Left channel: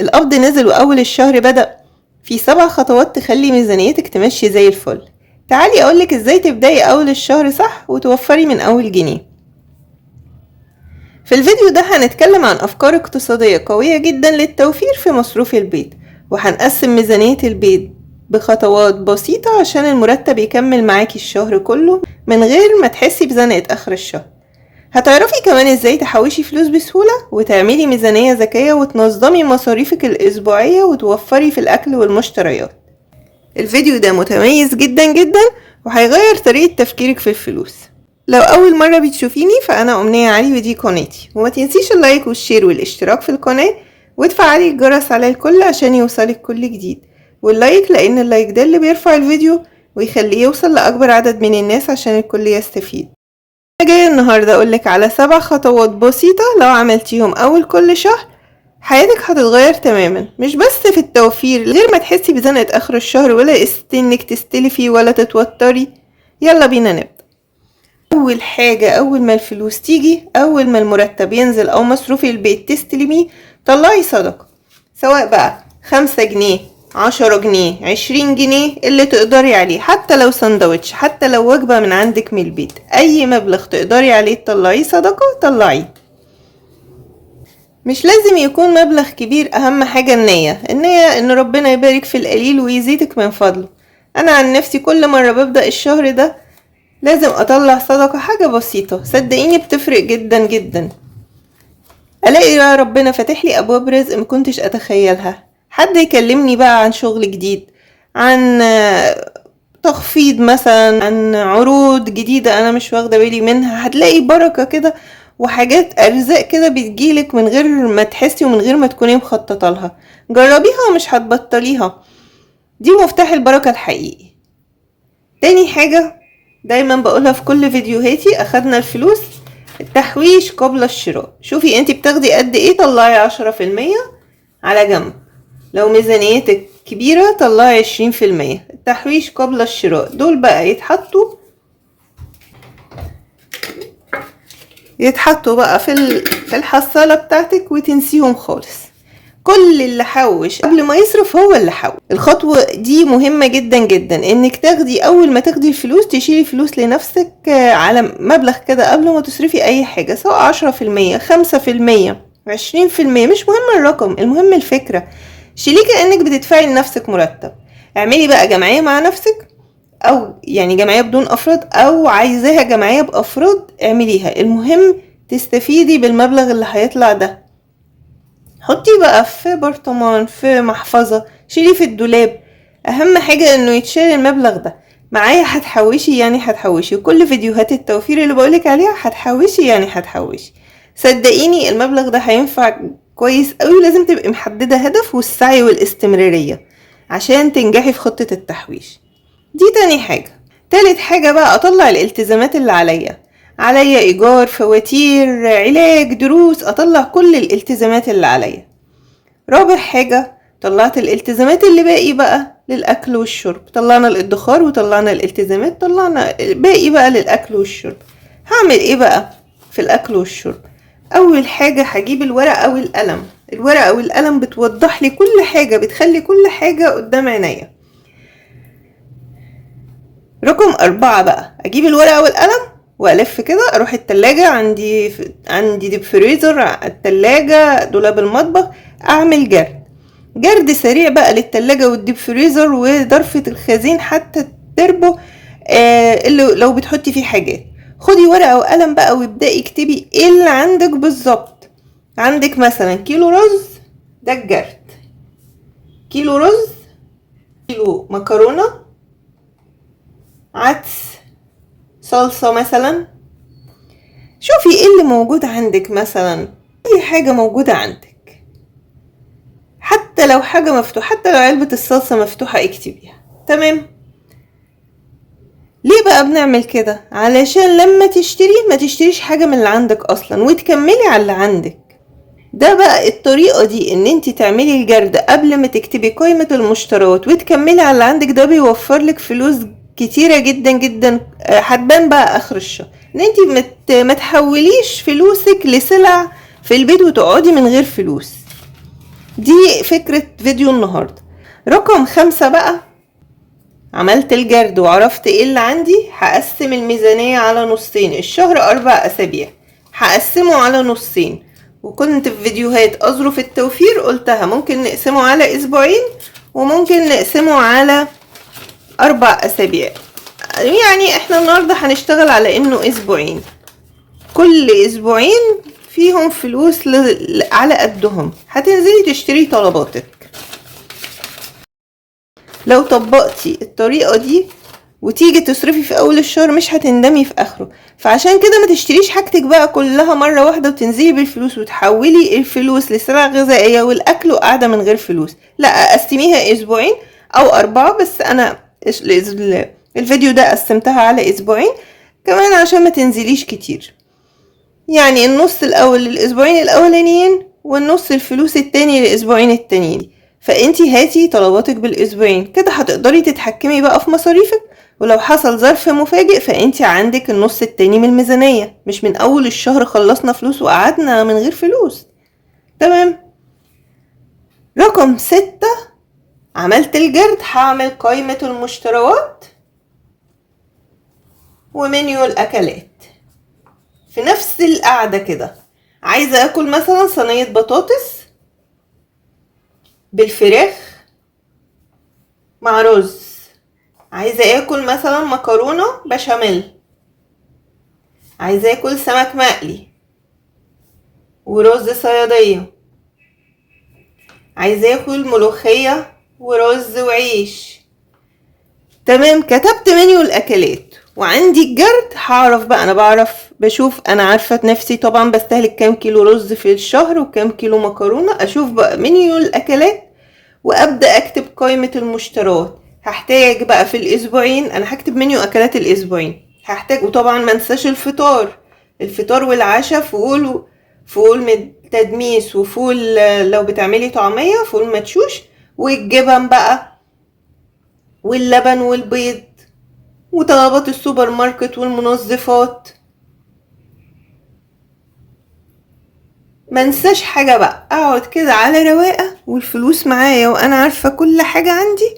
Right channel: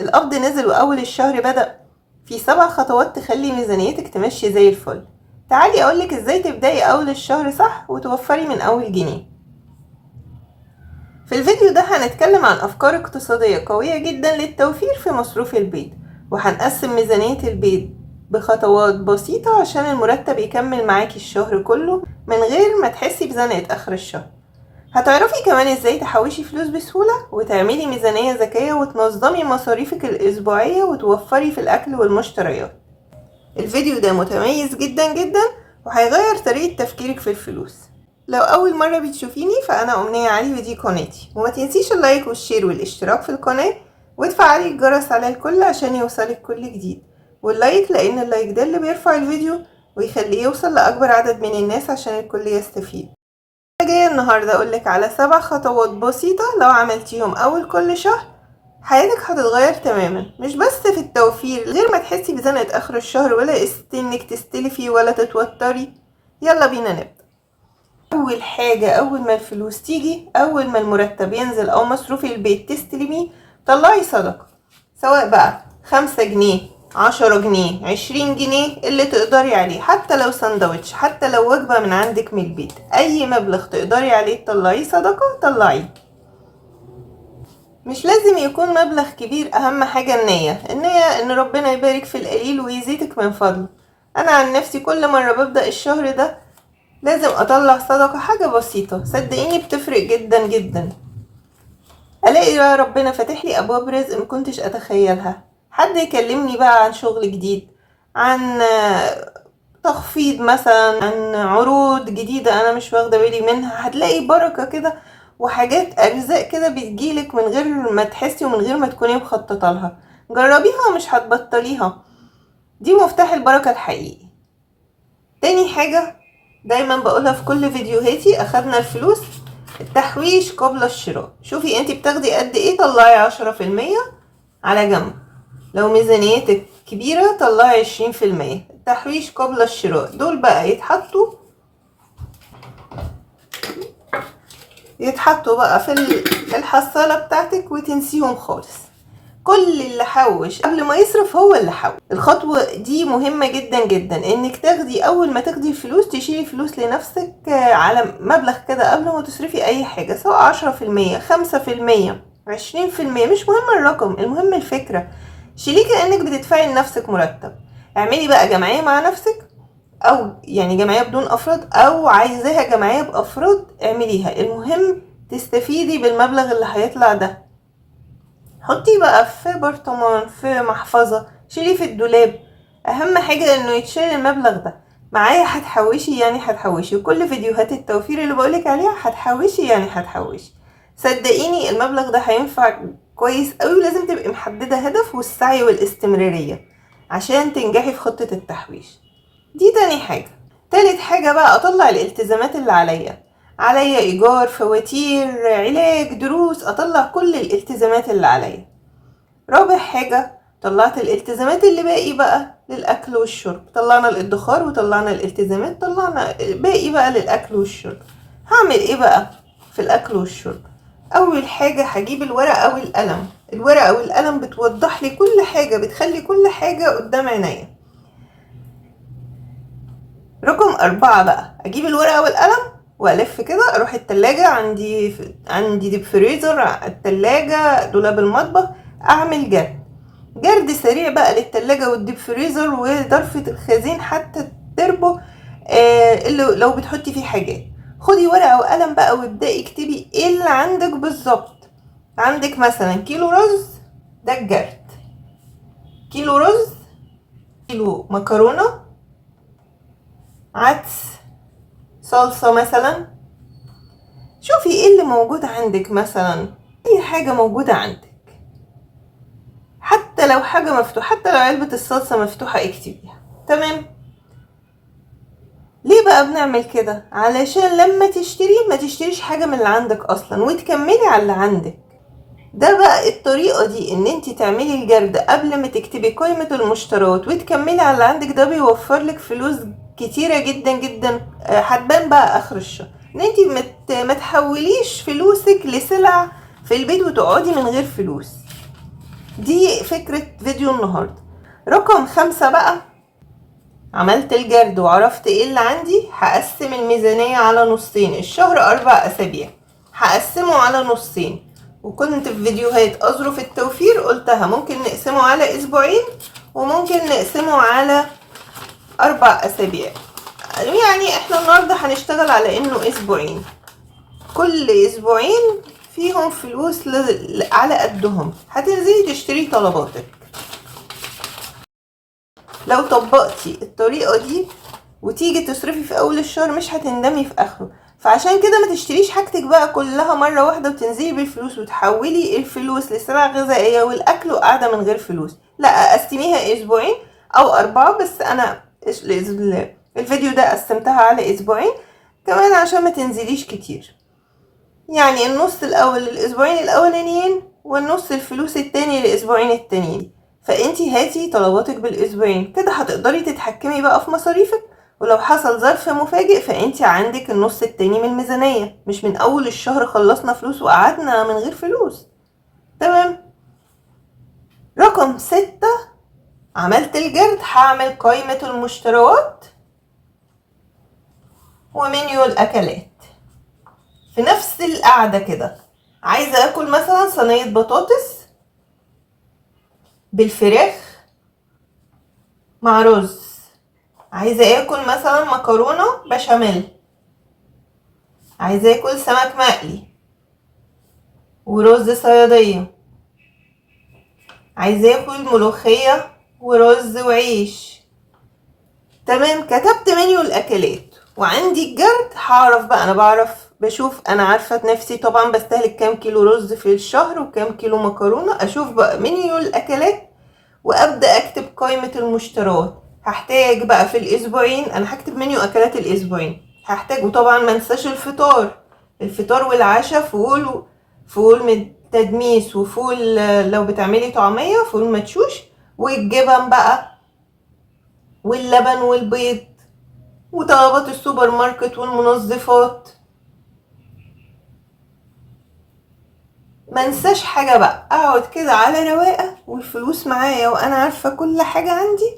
القبض نزل وأول الشهر بدأ. في 7 خطوات تخلي ميزانيتك تمشي زي الفل. تعالي أقولك ازاي تبدأي أول الشهر صح وتوفري من أول جنيه. في الفيديو ده هنتكلم عن أفكار اقتصادية قوية جدا للتوفير في مصروف البيت، وهنقسم ميزانية البيت بخطوات بسيطة عشان المرتب يكمل معاكي الشهر كله من غير ما تحسي بزنقة آخر الشهر. هتعرفي كمان ازاي تحوشي فلوس بسهولة وتعملي ميزانية ذكية وتنظمي مصاريفك الأسبوعية وتوفري في الأكل والمشتريات. الفيديو ده متميز جدا جدا وهيغير طريقة تفكيرك في الفلوس. لو أول مرة بتشوفيني فأنا أمنية علي ودي قناتي، وما تنسيش اللايك والشير والاشتراك في القناة وتفعلي الجرس على الكل عشان يوصلك كل جديد. واللايك لأن اللايك ده اللي بيرفع الفيديو ويخليه يوصل لأكبر عدد من الناس عشان الكل يستفيد. أنا جاية النهاردة أقولك على 7 خطوات بسيطة لو عملتيهم أول كل شهر حياتك هتتغير تماما، مش بس في التوفير غير ما تحسي بزنقة آخر الشهر ولا انك تستلفي ولا تتوتري. يلا بينا نبدأ. أول حاجة، أول ما الفلوس تيجي، أول ما المرتب ينزل أو مصروف البيت تستلميه، طلعي صدقة، سواء بقى 5 جنيه 10 جنيه 20 جنيه اللي تقدري عليه، حتى لو سندوتش، حتى لو وجبة من عندك من البيت، أي مبلغ تقدري عليه تطلعيه صدقة طلعيه. مش لازم يكون مبلغ كبير، أهم حاجة النية إن ربنا يبارك في القليل ويزيدك من فضله. أنا عن نفسي كل مرة ببدأ الشهر ده لازم أطلع صدقة، حاجة بسيطة صدقيني بتفرق جدا جدا. ألاقي يا ربنا فاتح لي أبواب رزق مكنتش أتخيلها، حد يكلمني بقى عن شغل جديد، عن تخفيض مثلا، عن عروض جديدة أنا مش واخدة بالي منها. هتلاقي بركة كده وحاجات أرزاق كده بتجيلك من غير ما تحسي ومن غير ما تكوني مخططة لها. جربيها ومش هتبطليها، دي مفتاح البركة الحقيقي. تاني حاجة دايما بقولها في كل فيديوهاتي، أخدنا الفلوس، التحويش قبل الشراء. شوفي انتي بتاخدي قد ايه، طلعي 10% على جنب. لو ميزانيتك كبيرة طلعي 20%. التحويش قبل الشراء دول بقى يتحطوا بقى في الحصالة بتاعتك وتنسيهم خالص. كل اللي حوش قبل ما يصرف هو اللي حوش. الخطوة دي مهمة جدا جدا، انك تاخدي اول ما تاخدي الفلوس تشيلي فلوس لنفسك على مبلغ كده قبل ما تصرفي اي حاجة، سواء 10% 5% 20%، مش مهم الرقم، المهم الفكرة. شيليه كأنك بتدفعي لنفسك مرتب. اعملي بقى جمعية مع نفسك، او يعني جمعية بدون افراد، او عايزاها جمعية بافراد اعمليها، المهم تستفيدي بالمبلغ اللي هيطلع ده. حطيه بقى في برطمان، في محفظة، شيليه في الدولاب. اهم حاجة انه يتشال المبلغ ده. معايا هتحوشي يعني هتحوشي، وكل فيديوهات التوفير اللي بقولك عليها هتحوشي يعني هتحوشي. صدقيني المبلغ ده هينفع كويس قوي. لازم تبقي محددة هدف والسعي والاستمرارية عشان تنجحي في خطة التحويش دي. تاني حاجة. تالت حاجة بقى، اطلع الالتزامات اللي عليا ايجار، فواتير، علاج، دروس، اطلع كل الالتزامات اللي عليا. رابع حاجة، طلعت الالتزامات اللي باقي بقى للاكل والشرب. طلعنا الادخار وطلعنا الالتزامات، طلعنا باقي بقى للاكل والشرب. هعمل ايه بقى في الاكل والشرب؟ اول حاجة هجيب الورقة والقلم. الورقة والقلم بتوضح لي كل حاجة، بتخلي كل حاجة قدام عينيا. رقم 4 بقى، اجيب الورقة والقلم والف كده، اروح التلاجة، عندي ديب فريزر، التلاجة، دولاب المطبخ، اعمل جرد سريع بقى للتلاجة والديب فريزر وضرفة الخزين حتى التربو اللي لو بتحطي فيه حاجات. خدي ورقة وقلم بقى وابدأي اكتبي ايه اللي عندك بالظبط. عندك مثلا كيلو رز، ده الجرد. كيلو رز، كيلو مكرونة، عدس، صلصة مثلا. شوفي ايه اللي موجود عندك، مثلا اي حاجة موجودة عندك، حتى لو حاجة مفتوحة، حتى لو علبة الصلصة مفتوحة اكتبيها. تمام. ليه بقى بنعمل كده؟ علشان لما تشتري ما تشتريش حاجة من اللي عندك اصلا وتكملي على اللي عندك. ده بقى الطريقة دي، ان انتي تعملي الجرد قبل ما تكتبي قائمة المشتريات وتكملي على اللي عندك، ده بيوفر لك فلوس كتيرة جدا جدا هتبان بقى اخر الشهر. ان انتي ما تحوليش فلوسك لسلع في البيت وتقعدي من غير فلوس. دي فكرة فيديو النهاردة. رقم 5 بقى، عملت الجرد وعرفت ايه اللي عندي. هقسم الميزانية على نصين. الشهر 4 أسابيع، هقسمه على نصين. وكنت في فيديوهات أظرف التوفير قلتها ممكن نقسمه على أسبوعين وممكن نقسمه على 4 أسابيع. يعني احنا النهاردة هنشتغل على انه أسبوعين. كل أسبوعين فيهم فلوس على قدهم. هتنزلي تشتري طلباتك. لو طبقتي الطريقة دي وتيجي تصرفي في اول الشهر مش هتندمي في اخره. فعشان كده ما تشتريش حاجتك بقى كلها مرة واحدة وتنزلي بالفلوس وتحولي الفلوس لسلع غذائية والاكل وقاعدة من غير فلوس. لا، قسميها اسبوعين او 4. بس انا الفيديو ده قسمتها على اسبوعين كمان عشان ما تنزليش كتير. يعني النص الاول للاسبوعين الاولانيين والنص الفلوس التاني للاسبوعين التانيين. فانتي هاتي طلباتك بالاسبوعين كده هتقدري تتحكمي بقى في مصاريفك. ولو حصل ظرف مفاجئ فانتي عندك النص التاني من الميزانية، مش من اول الشهر خلصنا فلوس وقعدنا من غير فلوس. تمام. رقم 6، عملت الجرد. هعمل قائمة المشتريات ومنيو الاكلات في نفس القعدة كده. عايزة اكل مثلا صينية بطاطس بالفراخ مع رز. عايزة اكل مثلا مكرونة بشاميل. عايزة اكل سمك مقلي ورز صيادية. عايزة اكل ملوخية ورز وعيش. تمام. كتبت منيو الاكلات وعندي الجرد. هعرف بقى، انا بشوف، انا عارفة نفسي طبعا بستهلك كام كيلو رز في الشهر وكام كيلو مكرونة. اشوف بقى منيو الاكلات وابدأ اكتب قائمة المشتريات. هحتاج بقى في الاسبوعين، انا هكتب منيو اكلات الاسبوعين. هحتاج، وطبعا ما انساش الفطار والعشاء. فول تدميس وفول لو بتعملي طعمية، فول مدشوش، والجبن بقى واللبن والبيض وطلبات السوبر ماركت والمنظفات. ما انساش حاجة بقى. اقعد كده على رواقة والفلوس معايا وانا عارفة كل حاجة عندي.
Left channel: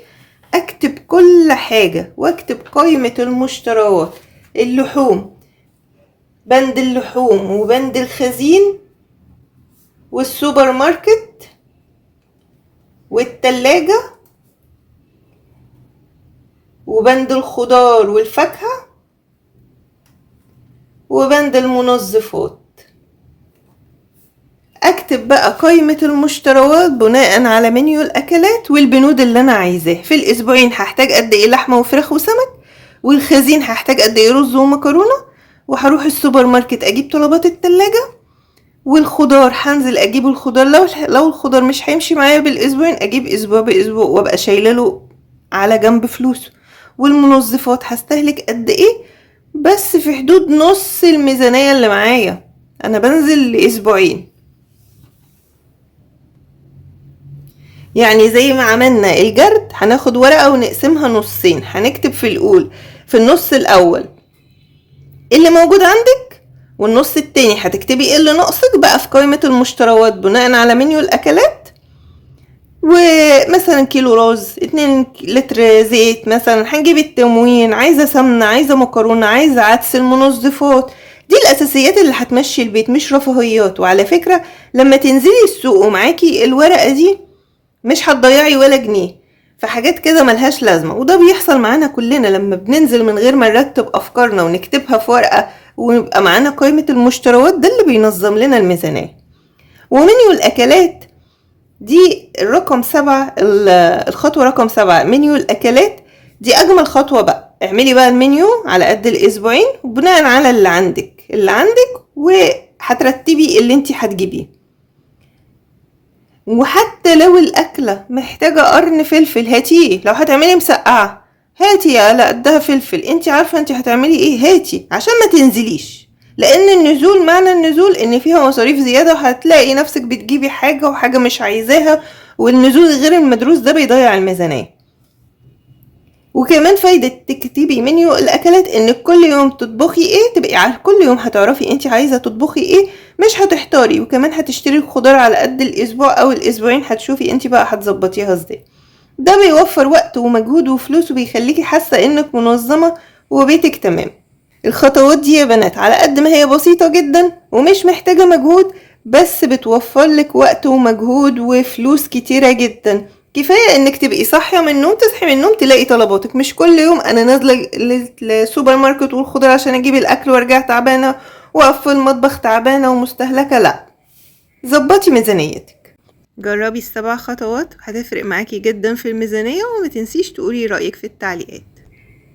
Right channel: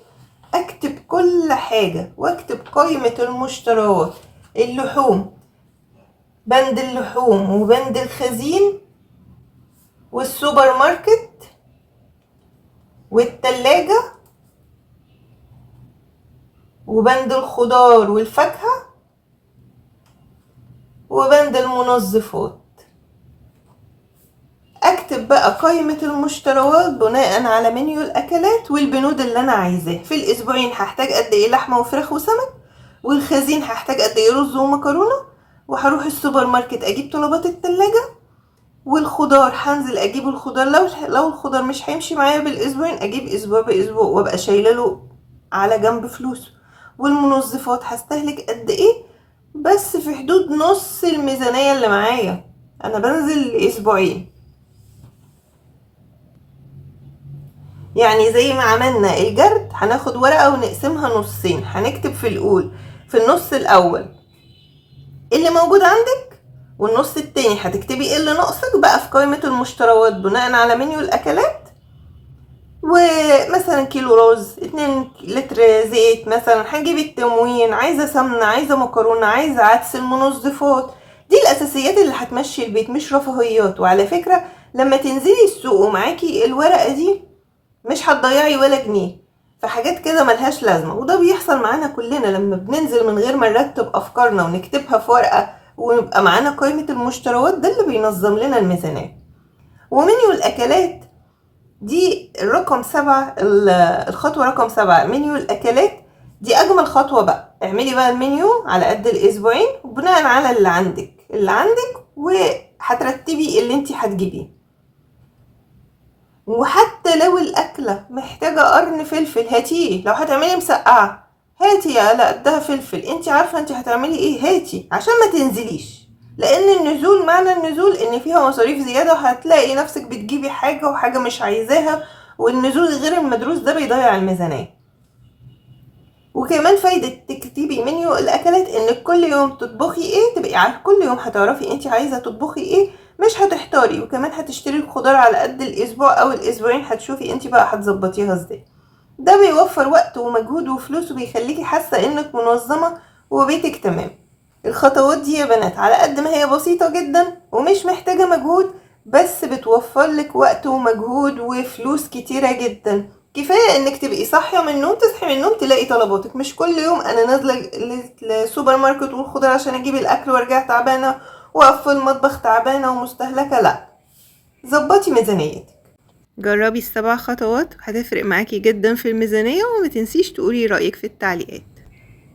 اكتب كل حاجة واكتب قائمة المشتريات. اللحوم، بند اللحوم وبند الخزين والسوبر ماركت والتلاجة وبند الخضار والفاكهة وبند المنظفات. اكتب بقى قائمة المشتريات بناء على منيو الاكلات والبنود اللي انا عايزاه. في الاسبوعين هحتاج قد ايه لحمة وفراخ وسمك، والخزين هحتاج قد ايه رز ومكرونة، وهروح السوبر ماركت اجيب طلبات التلاجة، والخضار هنزل اجيب الخضار. لو الخضار مش هيمشي معايا بالاسبوعين اجيب اسبوع باسبوع وابقى شايله له على جنب فلوسه. والمنظفات هستهلك قد ايه، بس في حدود نص الميزانية اللي معايا. انا بنزل لاسبوعين. يعني زي ما عملنا الجرد هناخد ورقة ونقسمها نصين. هنكتب في النص الاول اللي موجود عندك، والنص التاني هتكتبي ايه اللي ناقصك بقى في قائمة المشتريات بناء على منيو الاكلات. ومثلا كيلو رز، 2 لتر زيت مثلا، هنجيب التموين، عايزة سمنة، عايزة مكرونة، عايزة عدس، المنظفات. دي الاساسيات اللي هتمشي البيت، مش رفاهيات. وعلى فكرة لما تنزلي السوق ومعاكي الورقة دي مش هتضيعي ولا جنيه في حاجات كده ملهاش لازمة. وده بيحصل معانا كلنا لما بننزل من غير ما نرتب افكارنا ونكتبها في ورقة ونبقى معانا قائمة المشتريات. ده اللي بينظم لنا الميزانية. ومنيو الاكلات دي الرقم 7، الخطوة رقم 7 منيو الاكلات. دي اجمل خطوة بقى. اعملي بقى المنيو على قد الاسبوعين وبناء على اللي عندك وهترتبي اللي انتي هتجيبيه. وحتى لو الاكلة محتاجة قرن فلفل هاتيه. لو هتعملي مسقعة هاتي على قدها فلفل. انتي عارفة انتي هتعملي ايه، هاتي عشان ما تنزليش. لان النزول، معنى النزول ان فيها مصاريف زيادة وهتلاقي نفسك بتجيبي حاجة وحاجة مش عايزاها. والنزول غير المدروس ده بيضيع الميزانية. وكمان فايدة تكتبي منيو الأكلات إنك كل يوم تطبخي إيه، تبقي عارفة كل يوم هتعرفي أنت عايزة تطبخي إيه، مش هتحتاري. وكمان هتشتري الخضار على قد الأسبوع أو الأسبوعين، هتشوفي أنت بقى هتظبطيها إزاي. ده بيوفر وقت ومجهود وفلوس، وبيخليكي حاسة إنك منظمة وبيتك تمام. الخطوات دي يا بنات على قد ما هي بسيطة جدا ومش محتاجة مجهود، بس بتوفر لك وقت ومجهود وفلوس كتيرة جدا. كفاية انك تبقي صاحية من النوم، تصحي من النوم تلاقي طلباتك، مش كل يوم انا نازلة للسوبر ماركت والخضار عشان اجيب الاكل وارجع تعبانة واقف في المطبخ تعبانة ومستهلكة. لا، ظبطي ميزانيتك. جربي ال7 خطوات هتفرق معاكي جدا في الميزانية، وما تنسيش تقولي رأيك في التعليقات.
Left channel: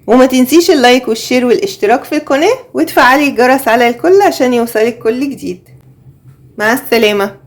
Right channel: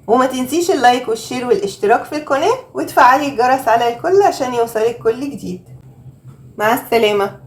وما تنسيش اللايك والشير والاشتراك في القناة، وتفعلي الجرس على الكل عشان يوصلك كل جديد. مع السلامة.